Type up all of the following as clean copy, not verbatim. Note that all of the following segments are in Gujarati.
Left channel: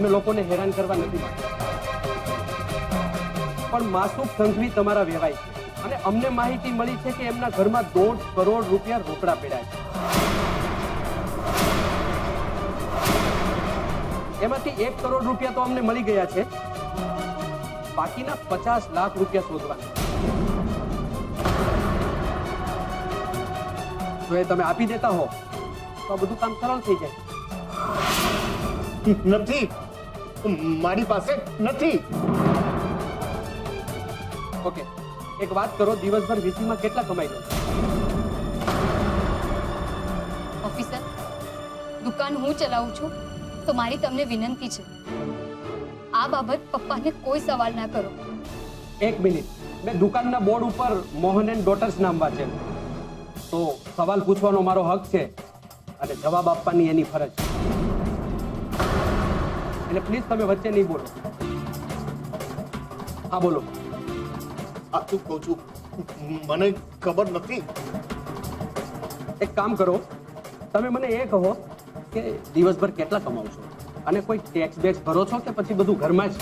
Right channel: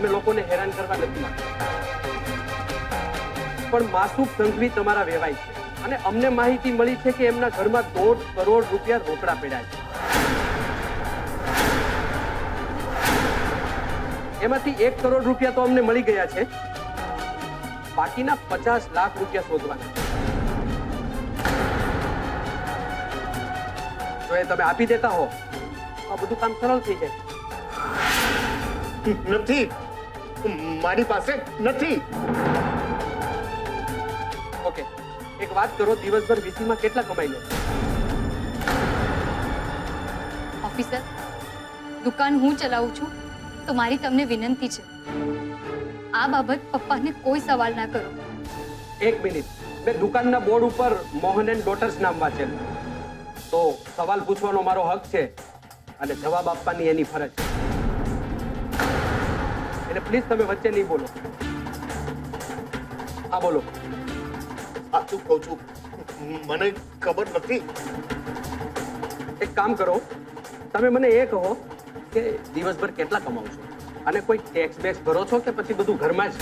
અમે લોકોને હેરાન કરવા નથી માંગતા, પણ માસૂક સંઘવી તમારા વેવાય છે અને અમને માહિતી મળી છે કે એમના ઘરમાં 1.5 કરોડ રૂપિયા રોકડા પડ્યા છે. એમાંથી 1 કરોડ રૂપિયા તો અમને મળી ગયા છે, બાકીના 50 લાખ રૂપિયા શોધવાના. જો એ તમે આપી દેતા હો તો આ બધું કામ સરળ થઈ જાય. નથી, મારી પાસે નથી. ઓકે, એક વાત કરો, દિવસભર વીસીમાં કેટલા કમાઈ લો? ઓફિસર, દુકાન હું ચલાવું છું તો મારી તમને વિનંતી છે, આ બાબત પપ્પાને કોઈ સવાલ ના કરો. એક મિનિટ, મેં દુકાનના બોર્ડ ઉપર મોહન એન્ડ ડોટર્સ નામ વાંચેલું, તો સવાલ પૂછવાનો મારો હક છે અને જવાબ આપવાની એની ફરજ છે. એટલે પ્લીઝ તમે વચ્ચે નહીં બોલો. હા બોલો. સાચું કહું છું, મને ખબર નથી. એક કામ કરો, તમે મને એ કહો કે દિવસભર કેટલા કમાવ છો અને કોઈ ટેક્સ બેક્સ ભરો છો કે પછી બધું ઘરમાં જ?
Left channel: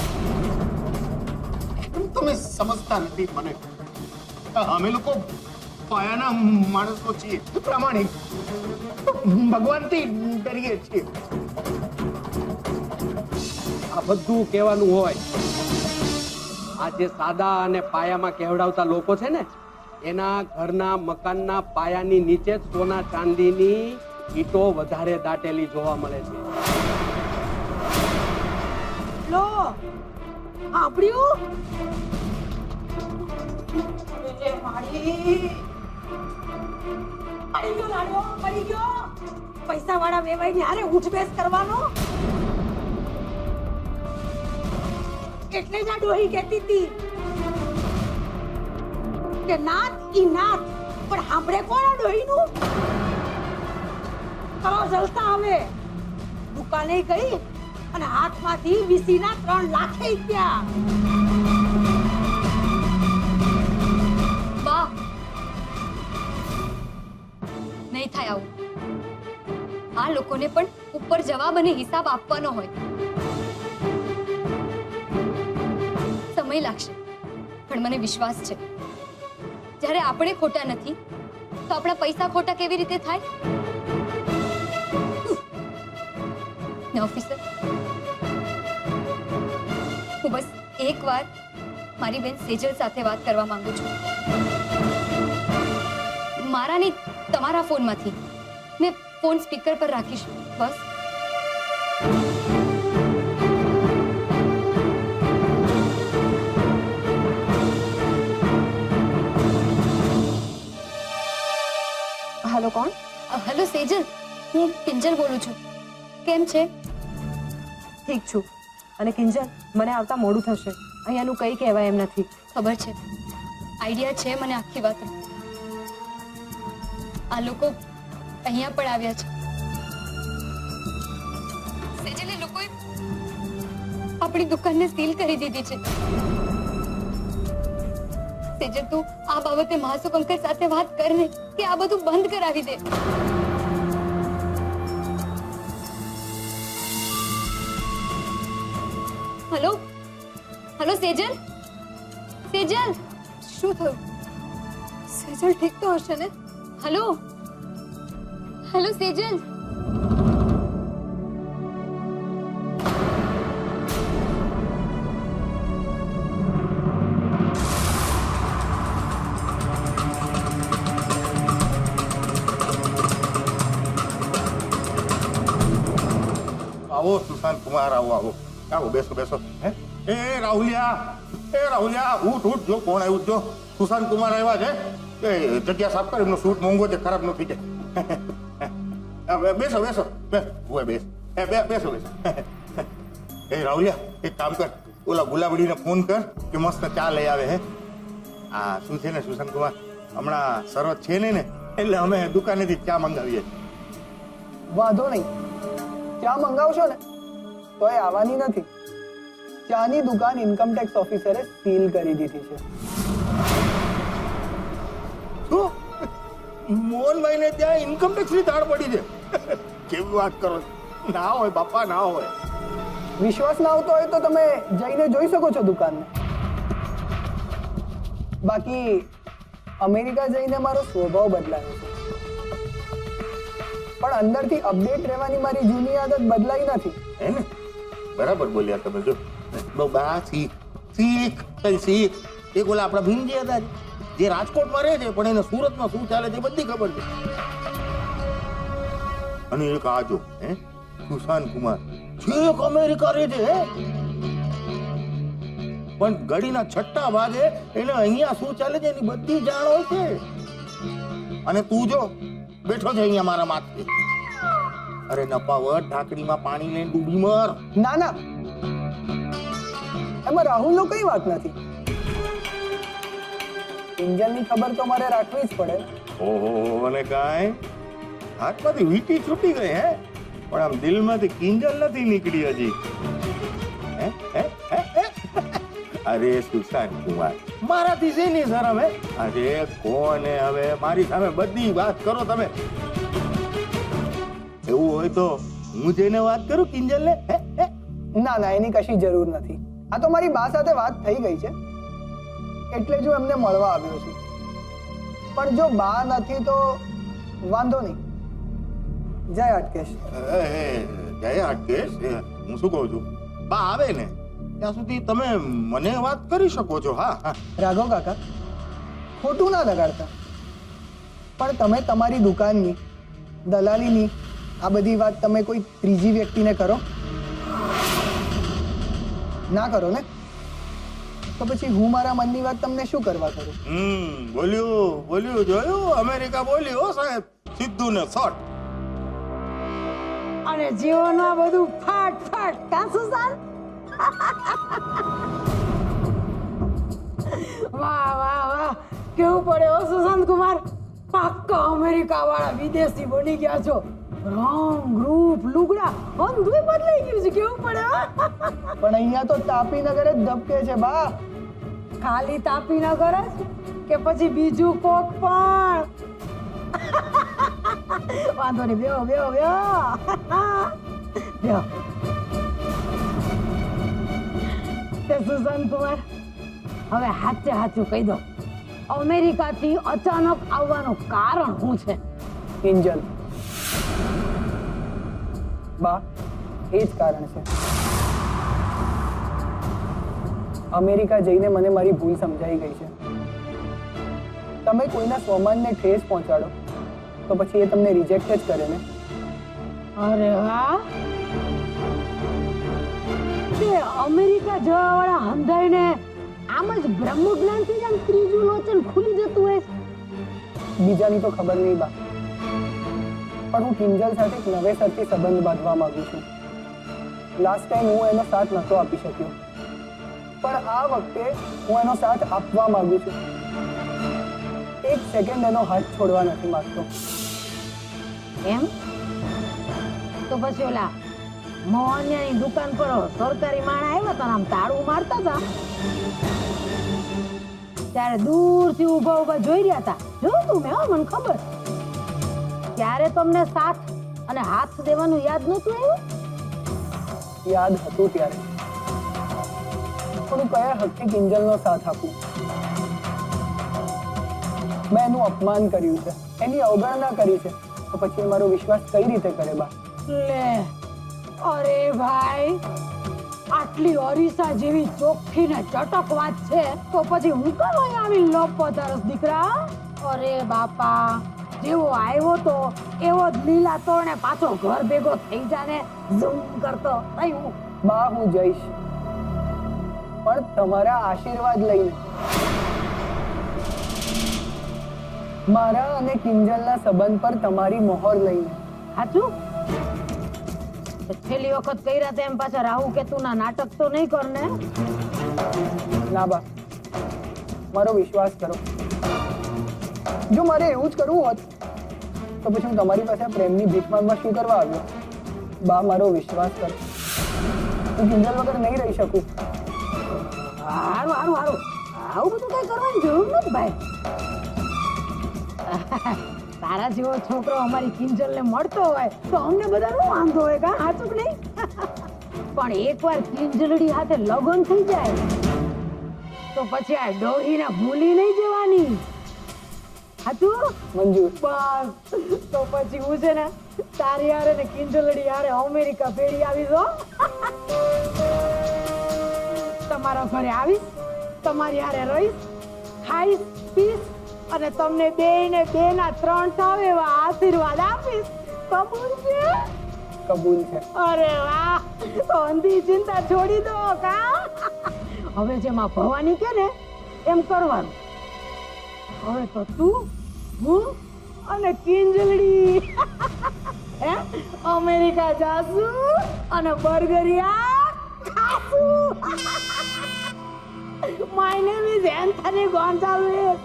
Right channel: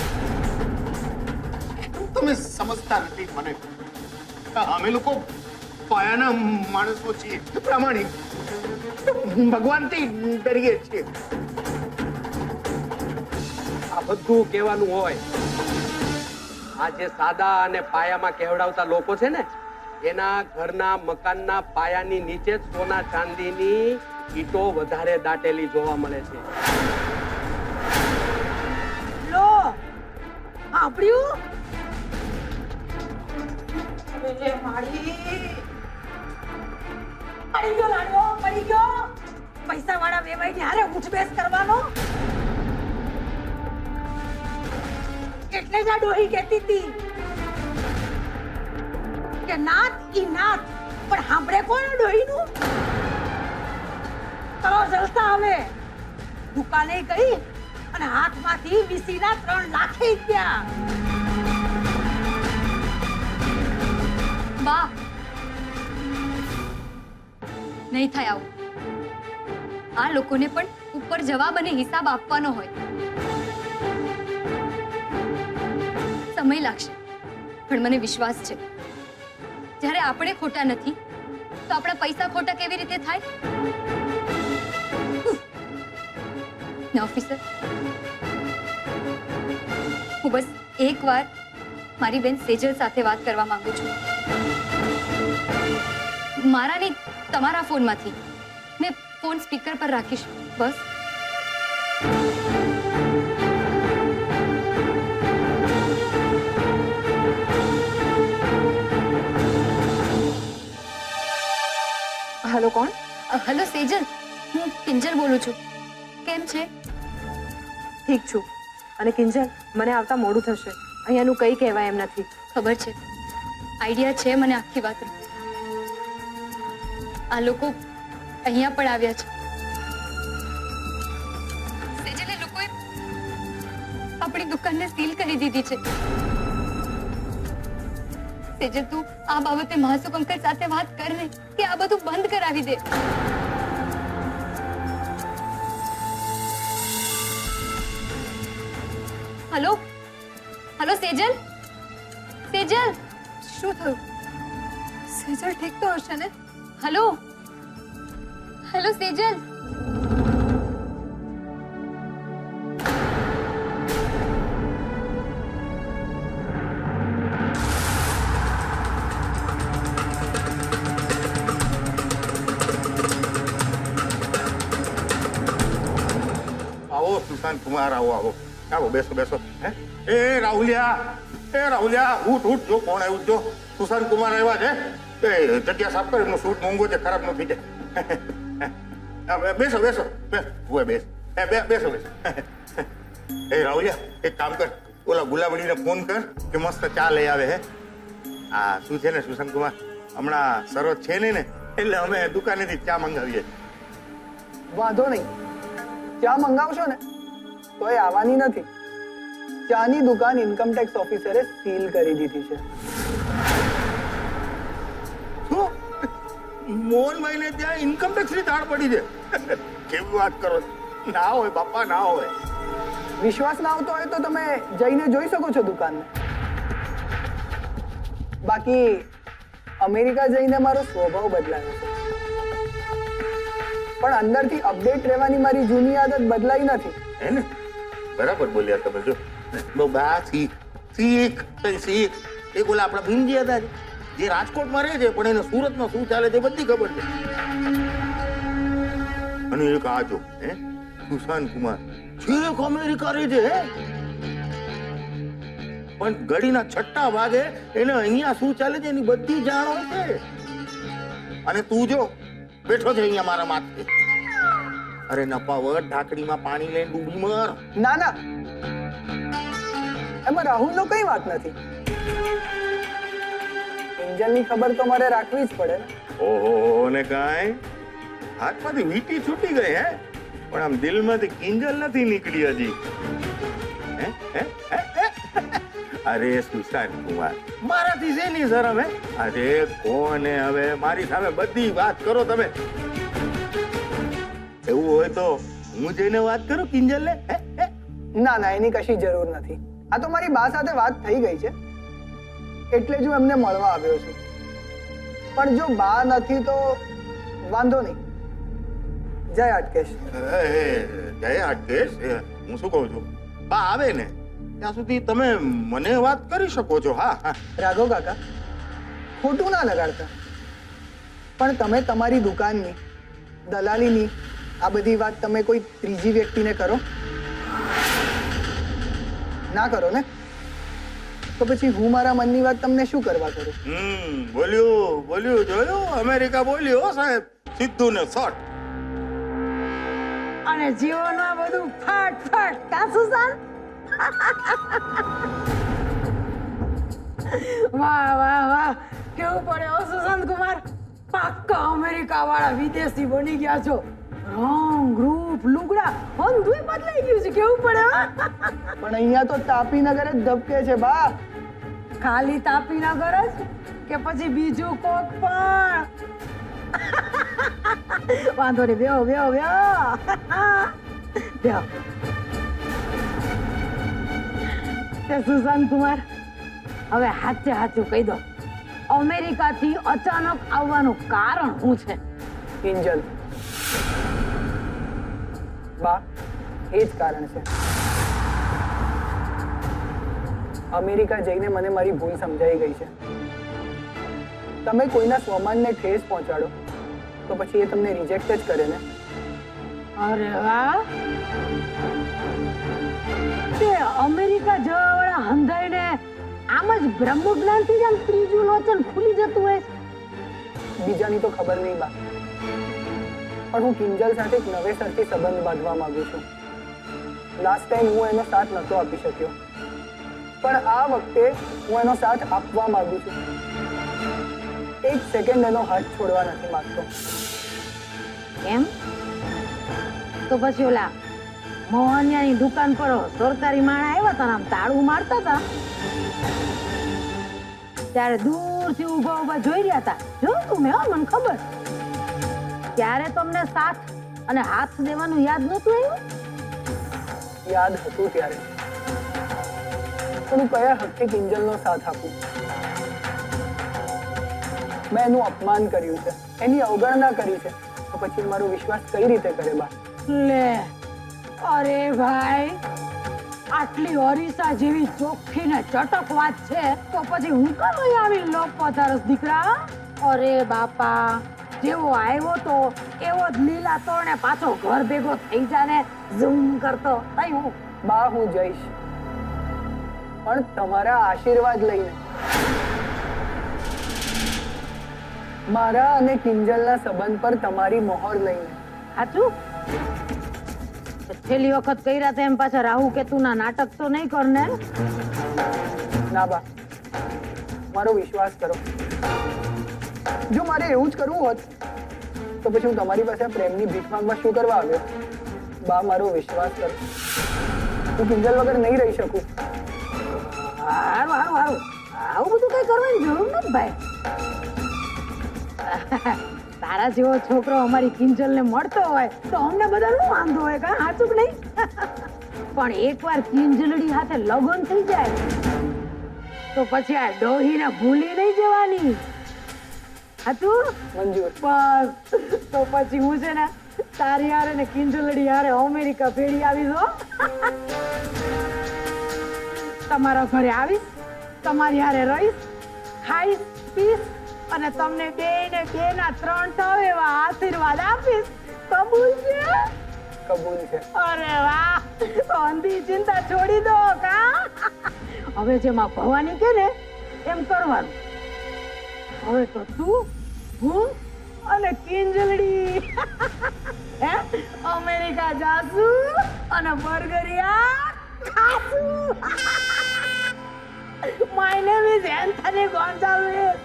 તમે સમજતા નથી મને. અમે લોકો પાયાના માણસો છીએ, પ્રામાણિક, ભગવાનથી ડરીએ છીએ. આ બધું કહેવાનું હોય, આ જે સાદા અને પાયામાં કહેવડાવતા લોકો છે ને, એના ઘરના મકાનના પાયાની નીચે સોના ચાંદીની ઈંટો વધારે દાટેલી જોવા મળે છે. લો સાંભળ્યું? અરે માડી પડી ગયો લાડવો, પડી ગયો. પૈસા વાળા વેવાઈને હારે ઉઠબેસ કરવાનો. એટલે જ આ ડોહી કહેતી હતી કે નાથ ઈ નાથ, પણ સાંભળે કોણ આ ડોહીનું? કરો જલસા. હવે દુકાને ગઈ અને હાથમાંથી વીસીના 3 લાખ ગયા. બા, નહીં થાય આવું. આ લોકોને પણ ઉપર જવાબ અને હિસાબ આપવાનો હોય. સમય લાગશે, પણ મને વિશ્વાસ છે, જ્યારે આપણે ખોટા નથી તો આપણા પૈસા ખોટા કેવી રીતે થાય? ને ઓફિસર, હું બસ એકવાર મારી બેન સેજલ સાથે વાત કરવા માંગુ છું. મારા નહીં, તમારા ફોનમાંથી. મેં ફોન સ્પીકર પર રાખીશ, બસ. હેલો, કોણ? હેલો સેજલ, હું કિંજલ બોલું છું. કેમ છે? ઠીક છું. અને કિંજલ, મને આવતા મોડું થશે, અહીંયાનું કંઈ કહેવાય એમ નથી. ખબર છે, આઈડિયા છે મને આખી વાત. આ લોકો અહીંયા પણ આવ્યા છે. સેજલ, એ લોકોએ આપણી દુકાનને સીલ કરી દીધી છે. સેજલ, તું આ બાબતે માસુક અંકલ સાથે વાત કર ને કે આ બધું બંધ કરાવી દે. હેલો હેલો સેજલ, સેજલ, શું થયું? સેજલ ઠીક તો હશે ને? Hello hello Sejal. આવો સુશાંત કુમાર, આવો આવો આવો, બેસો બેસો. હે એ રાહુલિયા, એ રાહુલિયા, ઉઠ ઉઠ, જો કોણ આવ્યું, જો સુશાંત કુમાર આવ્યા છે. એ જગ્યા સાફ કર, એમનો સૂટ મોંઘો છે, ખરાબ ન થઈ જાય. બેસો બેસો, બેસ બેસો બેસો. એ રાહુલિયા, એક કામ કર, ઓલા ગુલાબડીને ફોન કર કે મસ્ત ચા લઈ આવે. હે આ શું છે ને સુશાંત કુમાર, હમણાં શરત છે ને, એટલે અમે દુકાનેથી ચા મંગાવીએ. વાંધો નહીં, ચા મંગાવશો ને તોય આવવાની નથી. ચાની દુકાન ઇન્કમટેક્સ ઓફિસરે સીલ કરી દીધી છે. શું? મોહનભાઈને ત્યાં ઇન્કમટેક્સની તાળ પડી છે? કેવી વાત કરો? ના હોય બાપા, ના હોય. વિશ્વાસ ના આવતો હોય તો તમે જઈને જોઈ શકો છો દુકાનને. બાકી અમેરિકા જઈને મારો સ્વભાવ બદલાયો છે, પણ અંદરથી અપડેટ રહેવાની મારી જૂની આદત બદલાઈ નથી. હે ને? બરાબર બોલ્યા તમે. જો બા શીખ શીખ કઈ શીખ. એક ઓલા આપણા ભીમજી હતા જે રાજકોટમાં રહે છે, પણ એને સુરતમાં શું ચાલે છે બધી ખબર છે. અને એક આ જો હે સુશાંત કુમાર છેક અમેરિકા રહે છે, હે પણ ઘડીના છઠ્ઠા ભાગે એને અહીંયા શું ચાલે છે એની બધી જાણ હોય છે. અને તું જો બેઠો છે અહીંયા મારા માથે. અરે નપાવર ઢાંકણીમાં પાણી લઈને ડૂબી મર. ના ના, એમાં રાહુલનો કઈ વાત નથી. કિંજલની ખબર તો મારે રાખવી જ પડે ને. ઓહો, અને કાંઈ હાથમાંથી વીંટી છૂટી ગઈ હે, પણ આમ દિલમાંથી કિંજલ નથી નીકળી હજી. હે હે હે હે? અરે સુશાંત કુમાર, મારાથી શેની શરમ હે? અરે કોને હવે મારી સામે બધી વાત કરો તમે. એવું હોય તો હું જઈને વાત કરું કિંજલને. હે હે? ના ના, એની કશી જરૂર નથી. આ તો મારી બા સાથે વાત થઈ ગઈ છે, એટલે જ હું એમને મળવા આવ્યો છું. પણ જો બા નથી તો વાંધો નહીં. જય હાટકેશ. જય હાટકેશ. હું શું કહું છું, બા આવે ને ત્યાં સુધી તમે મને વાત કરી શકો છો. હા હા. રાઘવ કાકા, ખોટું ના લગાડતા, પણ તમે તમારી દુકાનની દલાલીની આ બધી વાત તમે કોઈ ત્રીજી વ્યક્તિને કરો? ના કરો ને, તો પછી હું મારા મનની વાત તમને શું કરવા કરું? બોલ્યું બોલ્યું, જોયું? અમેરિકા બોલ્યું હો સાહેબ, સીધું ને શોર્ટ. અને જીવનમાં બધું ફાટ ફાટ. કા સુશાંત? વાહ વાહ વાહ, કેવું પડે હો સુશાંત કુમાર. પાક્કા અમેરિકા વાળા વિદેશી બની ગયા છો. રંગ રૂપ લુગડા બધું બદલાઈ ગયું છે. કેવું પડે હો? પણ અહીંયા તો તાપીનગર જ ધબકે છે બા. ખાલી તાપીનગર જ કે પછી બીજું કોક પણ? વાંધો નહીં, બેહો બેહો બેહો બેહો. તે સુશાંત કુમાર, હવે સાચે સાચું કહી દો, અમેરિકાથી અચાનક આવવાનું કારણ શું છે? કિંજલ. બા, એ જ કારણ છે. અમેરિકા જઈને મને મારી ભૂલ સમજાઈ ગઈ છે. તમે કોઈના સ્વમાનને ઠેસ પહોંચાડો તો પછી એ તમને રિજેક્ટ જ કરે ને. અરે વાહ, તે અમેરિકા જવા વાળા હંધાઈને આમ જ બ્રહ્મ જ્ઞાનથી જ આમ ત્રીજું લોચન ખુલી જતું હોય. બીજાની તો ખબર નહીં બા, પણ હું કિંજલ સાથે એક નવેસરથી સંબંધ બાંધવા માંગુ છું. લાસ્ટ ટાઈમ હું એનો સાથ નહોતો આપી શક્યો, પણ આ વખતે હું એનો સાથ આપવા માંગુ છું. એક સેકન્ડ એનો હાથ છોડવા નથી માંગતો. એમ તો પછી ઓલા મોહનિયાની દુકાન પર સરકારી માણા આવ્યા હતા, આમ તાળું મારતા હતા, ત્યારે દૂરથી ઊભા ઊભા જોઈ રહ્યા હતા. જોયું મેં, મને ખબર. ત્યારે તમને સાથ અને હાથ દેવાનું યાદ નહોતું આવ્યું? યાદ હતું ત્યારે, પણ હું કયા હકથી કિંજલનો સાથ આપું? મેં એનું અપમાન કર્યું છે, એની અવગણના કરી છે, તો પછી મારો વિશ્વાસ કઈ રીતે કરે બા? લે, અરે ભાઈ, આટલી અરીસા જેવી ચોખ્ખી ને ચટક વાત છે તો પછી હું કેમ અહીં આવી લપતારસ દીકરા? અરે બાપા, જેવો આવ્યો તો એવો જ લીલા તોરણે પાછો ઘર ભેગો થઈ જાને ઝૂમ કરતો. તઈ હું બા, હું જઈશ, પણ તમારા આશીર્વાદ લઈને. મારા અને કિંજલના સંબંધ પર તમારી મોહર લઈને. સાચું? છેલ્લી વખત કર્યા તેમ પાછા રાહુ કેતુના નાટક તો નહીં કરને? ના બા, મારો વિશ્વાસ કરો. જો મારે એવું જ કરવું હોત તો પછી હું તમારી પાસે પ્રેમની ભીખ માંગવા શું કરવા આવ્યો? બા, મારો વિશ્વાસ કરો, હું કિંજલ વગર નહીં રહી શકું. હારું હારું હારું, આવું બધું કઈ કરવાની જરૂર નથી ભાઈ. તારા જેવો છોકરો અમારી કિંજલને મળતો હોય તો અમને બધાનો વાંધો હોય. કા સાચું કે નહીં? પણ એકવાર કિંજલડી સાથે લગ્ન થઈ જાય તો પછી આ ડોહીને ભૂલી નહીં જવાની. હતું મંજૂર. બસ તો પછી હું છે ને તારી હારે ને કિંજલડી હારે અમેરિકા ભેળી આવીશ હો. તમારા ઘરે આવીશ, તમારી હારે રહીશ, ખાઈશ, પીશ અને તમને બેયને બેના 3 થાવ એવા આશીર્વાદ આપીશ. કબૂલ છે? કબૂલ છે. અરે વાહ, તો અંધી ચિંતા છોડી દો કા. હવે જેમાં ભવાની કે ને એમ કરવાનું. હવે તો તું, હું અને કિંજલડી હે અમેરિકા જાસુ અને બર્ગરિયા ખાસું. My name is Anthony Gonzales.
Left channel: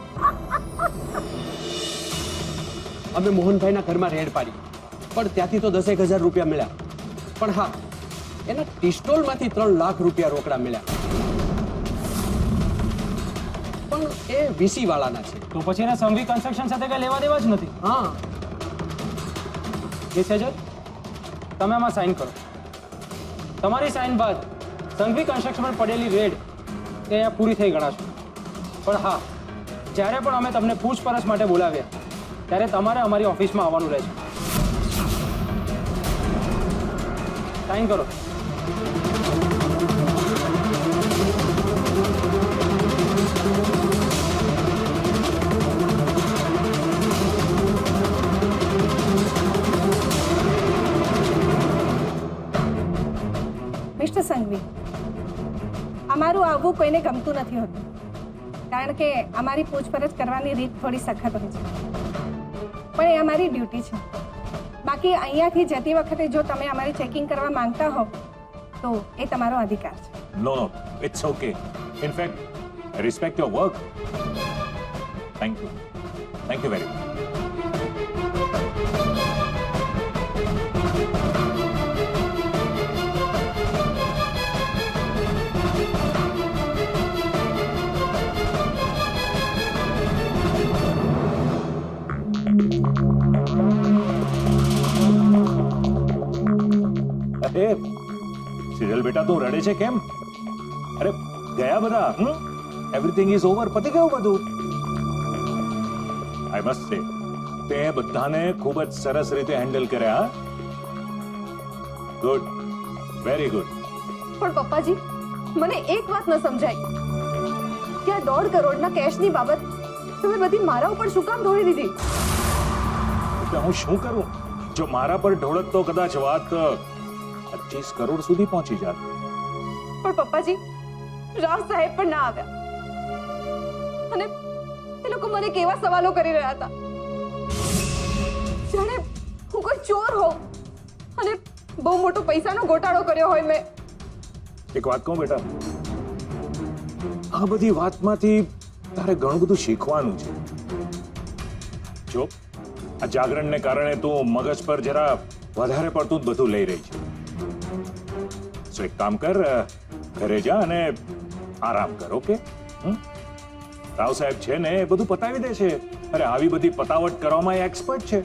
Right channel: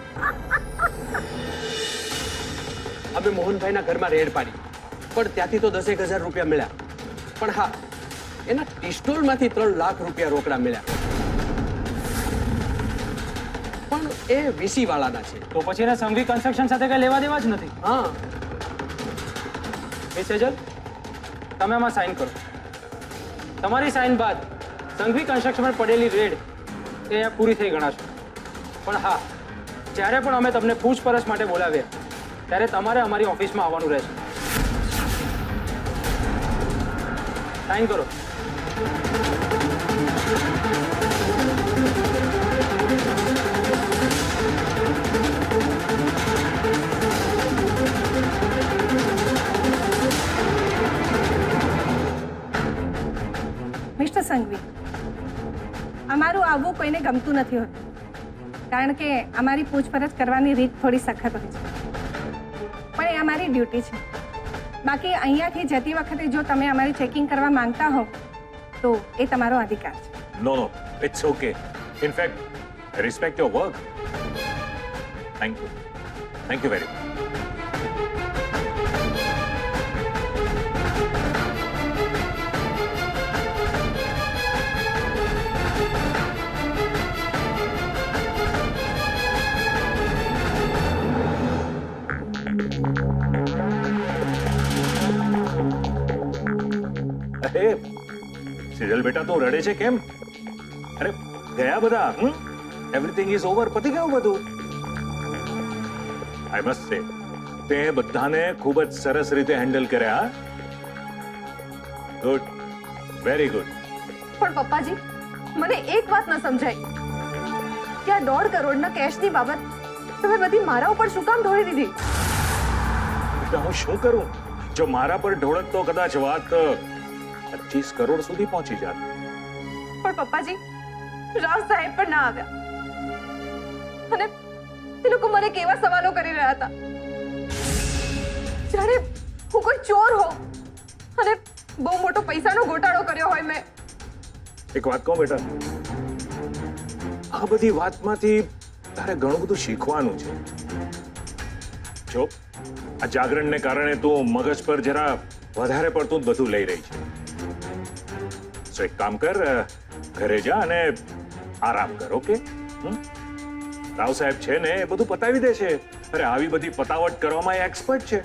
અમે મોહનભાઈના ઘરમાં રેડ પાડી, પણ ત્યાંથી તો 10,000 રૂપિયા મળ્યા. પણ હા, એના પિસ્ટોલમાંથી 3 લાખ રૂપિયા રોકડા મળ્યા. પણ એ વીસી વાળાના છે. તો પછી એને સંઘવી કન્સ્ટ્રક્શન સાથે કઈ લેવા દેવા જ નથી. હા, મિસ સેજલ, તમે આમાં સાઇન કરો. તમારી સાઇન બાદ સંઘવી કન્સ્ટ્રક્શન પર પડેલી રેડ એ અહીંયા પૂરી થઈ ગણાશે. પણ હા, જ્યારે પણ અમે તમને પૂછપરછ માટે બોલાવ્યા ત્યારે તમારે અમારી ઓફિસમાં આવવાનું રહેશે. સાઇન કરો. મિસ્ટર સંઘવી, અમારું આવવું કોઈને ગમતું નથી હોતું, કારણ કે અમારી પૂછપરછ કરવાની રીત થોડી સખત હોય છે, પણ એ અમારી ડ્યુટી છે. બાકી અહીંયાથી જતી વખતે જો તમે અમારી ચેકિંગ કરવા માંગતા હો તો એ તમારો અધિકાર છે. No, it's okay. In fact, I respect your work. Thank you. Thank you very much. અરે સિરિયલ બેટા, તું રડે છે કેમ? અરે ગયા બધા, એવરીથિંગ ઇઝ ઓવર, પતી ગયું બધું. આઈ મસ્ટ સે, તે બધાને ખૂબ જ સરસ રીતે હેન્ડલ કર્યા. Good, very good. પણ પપ્પાજી, મને એક વાત ન સમજાય કે આ 1.5 કરોડના કેશની બાબત તમે બધી મારા ઉપર શું કામ ઢોળી દીધી? બેટા, હું શું કરું? જો મારા પર ઢોળત તો કદાચ વાત 25 કરોડ સુધી પહોંચી જાત. પણ પપ્પાજી, રાવ સાહેબ પણ ના આવ્યા અને એ લોકો મને કેવા સવાલો કરી રહ્યા હતા, જાણે હું કોઈ ચોર હોઉં અને બહુ મોટો પૈસાનો ગોટાળો કર્યો હોય મેં. એક વાત કહું બેટા, આ બધી વાતમાંથી તારે ઘણું બધું શીખવાનું છે. જો આ જાગરણને કારણે તું મગજ પર જરા વધારે પડતું જ બધું લઈ રહી છે. તો એક કામ કર, ઘરે જા અને આરામ કર. ઓકે? રાવ સાહેબ છે ને એ બધું પતાવી દે છે. અરે આવી બધી પતાવટ કરવામાં એ એક્સપર્ટ છે.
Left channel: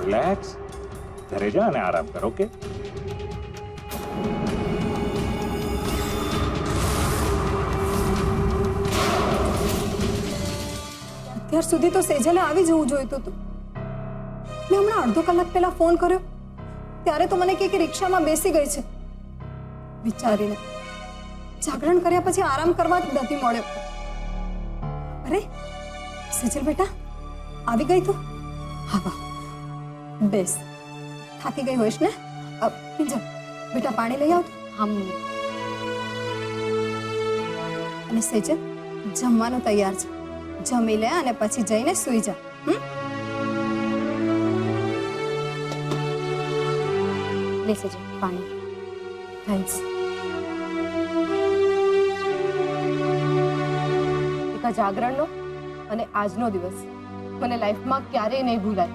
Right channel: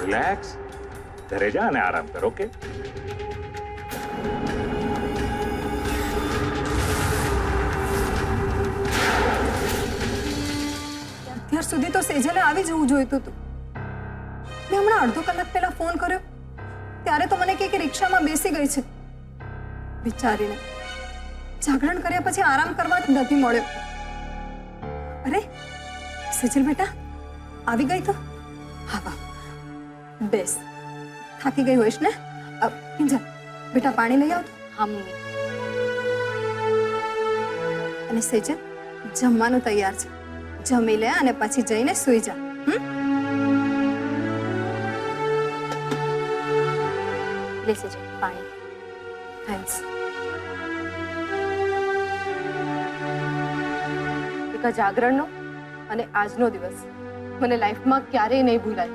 રિલેક્સ, ઘરે જા અને આરામ કર. ઓકે? અત્યાર સુધી તો સેજલે આવી જવું જોઈતું હતું. મેં હમણાં અડધો કલાક પહેલા ફોન કર્યો ત્યારે તો મને કહે કે રિક્ષામાં બેસી ગઈ છે. વિચારીને જાગરણ કર્યા પછી આરામ કરવા જ નથી મળ્યો. અરે સેજલ બેટા, આવી ગઈ તો? હા વાહ, બેસ. થાકી ગઈ હોઈશ ને? કિંજલ બેટા, પાણી લઈ આવતો. હા મમ્મી. અને સેજલ, જમવાનું તૈયાર છે, જમી લે અને પછી જઈને સૂઈ જા. લેશે છે પાણી. થેન્ક્સ. એક આ જાગરણનો અને આજનો દિવસ મને લાઈફમાં ક્યારેય નહીં ભૂલાય.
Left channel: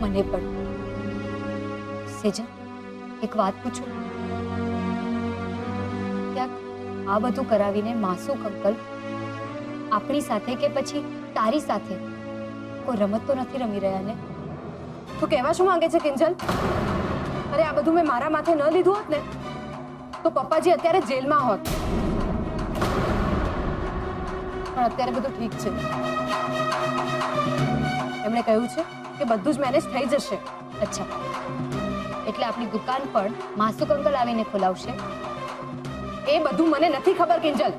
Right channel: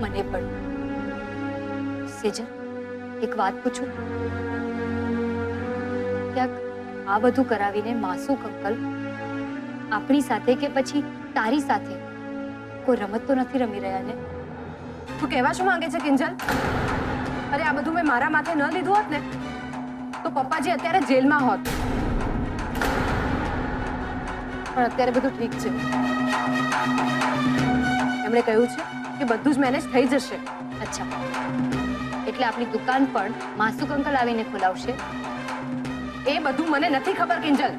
મને પણ. સેજલ, એક વાત પૂછું? ક્યાંક આ બધું કરાવીને માસૂક અંકલ આપણી સાથે કે પછી તારી સાથે કોઈ રમત તો નથી રમી રહ્યા ને? તું કહેવા શું માંગે છે કિંજલ? અરે આ બધું મેં મારા માથે ન લીધું હોત ને તો પપ્પાજી અત્યારે જેલમાં હોત. પણ અત્યારે બધું ઠીક છે. એમણે કહ્યું છે કે બધું જ મેનેજ થઈ જશે. અચ્છા, એટલે આપણી દુકાન પણ માસુક અંકલ આવીને ખોલાવશે? એ બધું મને નથી ખબર કિંજલ.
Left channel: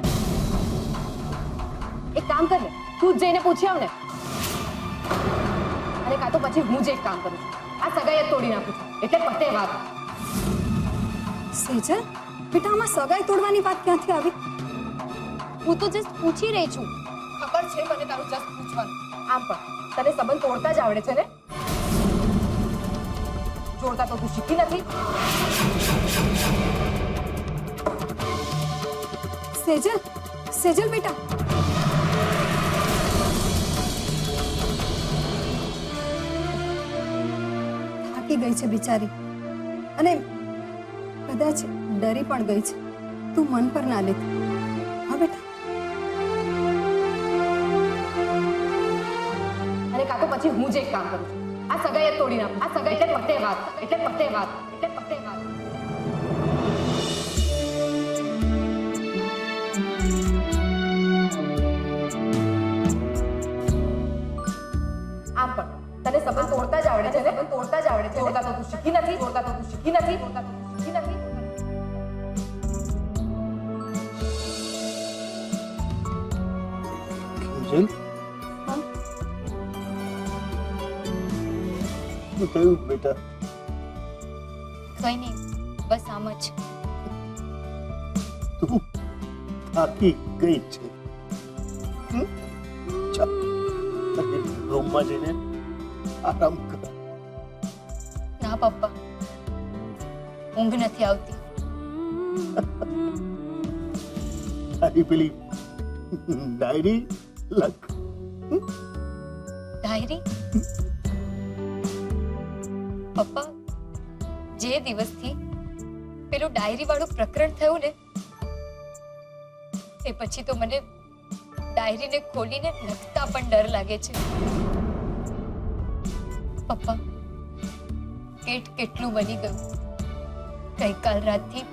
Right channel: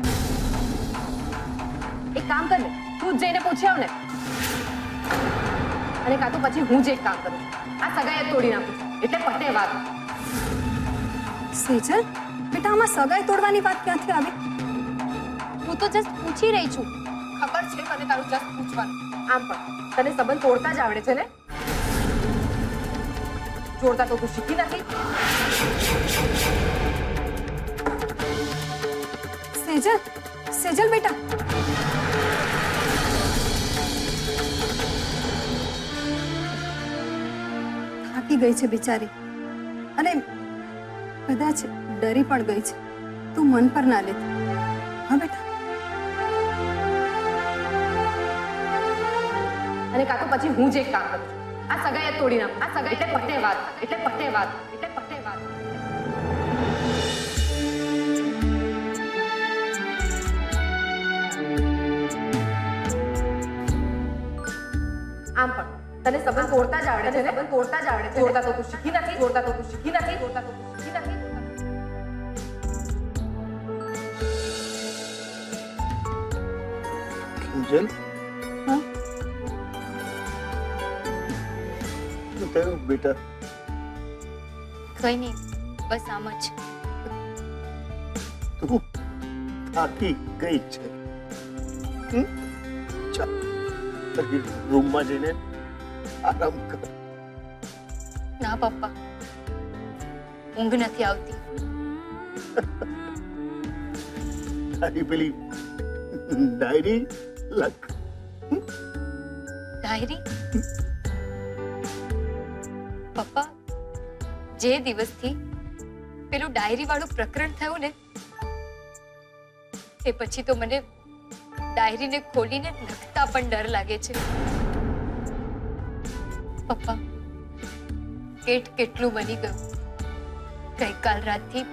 એક કામ કર ને, તું જ જઈને પૂછી આવ ને. અને કાં તો પછી હું જ એક કામ કરું છું, આ સગાઈ જ તોડી નાખું છું, એટલે પતે વાત. સેજલ બેટા, આમાં સગાઈ તોડવાની વાત ક્યાંથી આવી? હું તો જસ્ટ પૂછી રહી છું. ખબર છે મને તારું જસ્ટ પૂછવાનું. આમ પણ તને સંબંધ તોડતા જ આવડે છે ને? જોડતા તો તું શીખી નથી. સેજલ, સેજલ બેટા, થાકી ગઈ છે બિચારી અને કદાચ ડરી પણ ગઈ છે. તું મન પર ના લેતી. હા બેટા. અને કાં તો પછી હું જ એક કામ કરું છું, આ સગાઈ જ તોડી નાખું. આ સગાઈ એટલે પતે વાત, એટલે પતે વાત, એટલે પતે વાત. આમ પણ તને સંબંધ તોડતા જ આવડે છે ને? સંબંધ તોડતા જ આવડે છે. જોડતા તો તું શીખી નથી. જોડતા તો તું શીખી નથી. જોડતા તો તું શીખી નથી. કિંજલ, હા શું થયું બેટા? કઈ નહીં, બસ આમ જ. તું થાકી ગઈ છે. ચાલ તારી રૂમમાં જઈને આરામ કર. ના પપ્પા, ઊંઘ નથી આવતી. તારી પેલી ડાયરી લખ. ડાયરી? પપ્પા, જે દિવસથી પેલું ડાયરી વાળું પ્રકરણ થયું ને, એ પછી તો મને ડાયરીને ખોલીને લખતા પણ ડર લાગે છે. પપ્પા, કેટ કેટલું બની ગયું ગઈકાલ રાતથી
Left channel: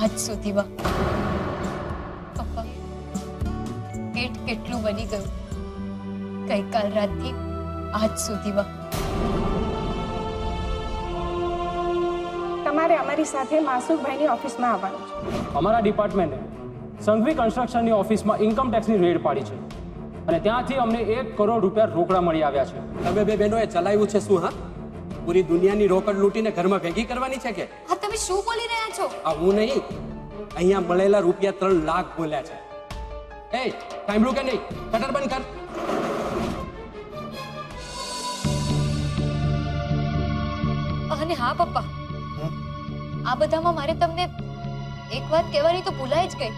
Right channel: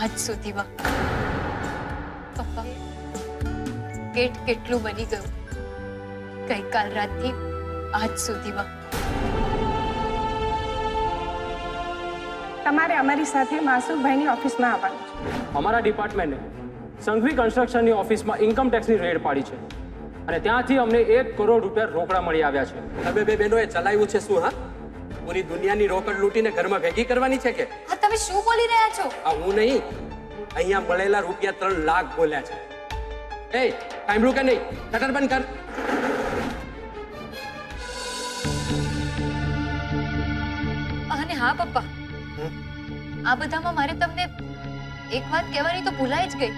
આજ સુધીમાં. પપ્પા, કેટ કેટલું બની ગયું ગઈકાલ રાતથી આજ સુધીમાં. તમારે અમારી સાથે માસુકભાઈની ઓફિસમાં આવવાનું છે. અમારા ડિપાર્ટમેન્ટે સંઘવી કન્સ્ટ્રક્શનની ઓફિસમાં ઇન્કમ ટેક્સની રેડ પાડી છે અને ત્યાંથી અમને 1 કરોડ રૂપિયા રોકડા મળી આવ્યા છે. તમે બે બહેનોએ ચલાવ્યું છે શું? હા, પૂરી દુનિયાની રોકડ લૂંટીને ઘરમાં ભેગી કરવાની છે કે? હા, તમે શું બોલી રહ્યા છો? આ હું નહીં, અહીંયા મળેલા રૂપિયા 3 લાખ બોલ્યા છે. એ સાંભળ્યું કે નહીં? કટર બંધ કર. અને હા પપ્પા, આ બધામાં મારે તમને એક વાત કહેવાની તો ભૂલાઈ જ ગઈ.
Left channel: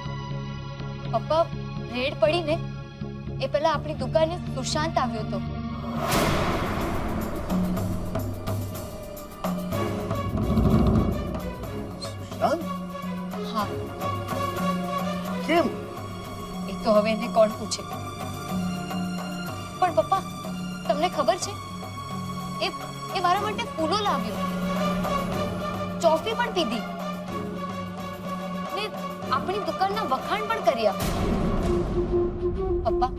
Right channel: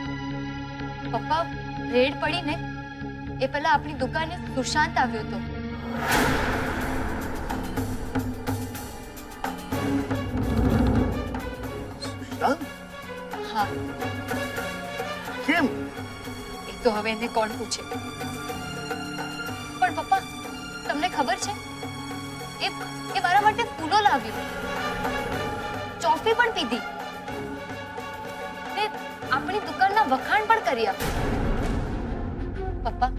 પપ્પા, રેડ પડી ને એ પહેલા આપણી દુકાને સુશાંત આવ્યો હતો. સુશાંત? હા, કેમ? એ તો હવે એને કોણ પૂછે. પણ પપ્પા, તમને ખબર છે એ મારા માટે ફૂલો લાવ્યો, ચોફી પણ પીધી ને આપણી દુકાનના વખાણ પણ કર્યા. પપ્પા,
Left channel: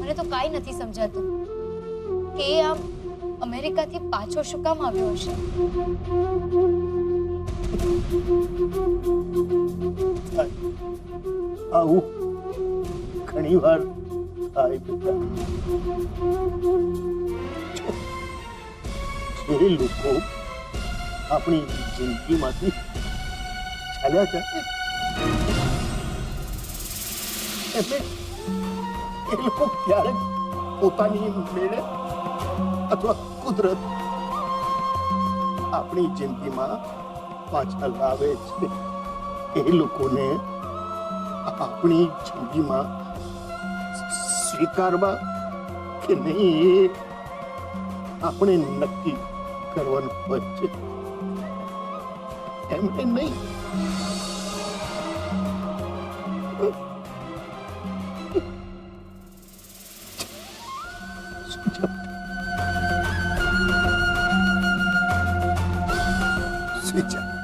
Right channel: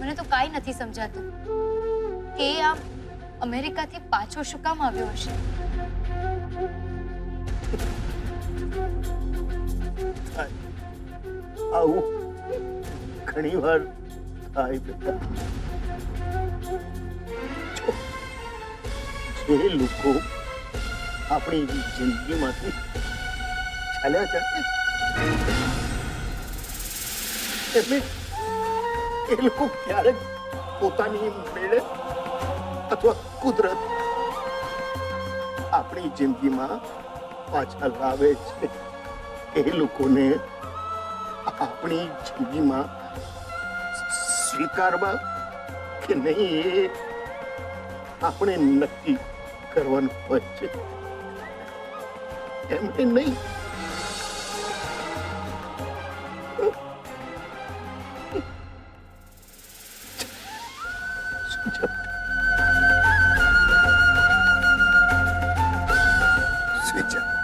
મને તો કાઈ નથી સમજાતું કે એ આમ અમેરિકાથી પાછો શું કામ આવ્યો હશે. આવું ઘણી વાર થાય બેટા. જે લોકો આપણી જિંદગીમાંથી ચાલ્યા જાય એમને એ લોકો ક્યારેક પોતાની મેળે અથવા કુદરત આપણી જિંદગીમાં પાછા લાવે છે. એ લોકોને આપણી જિંદગીમાં સ્વીકારવા કે નહીં એ આપણે નક્કી કરવાનું હોય છે. એમને નહીં. સુઈ જા.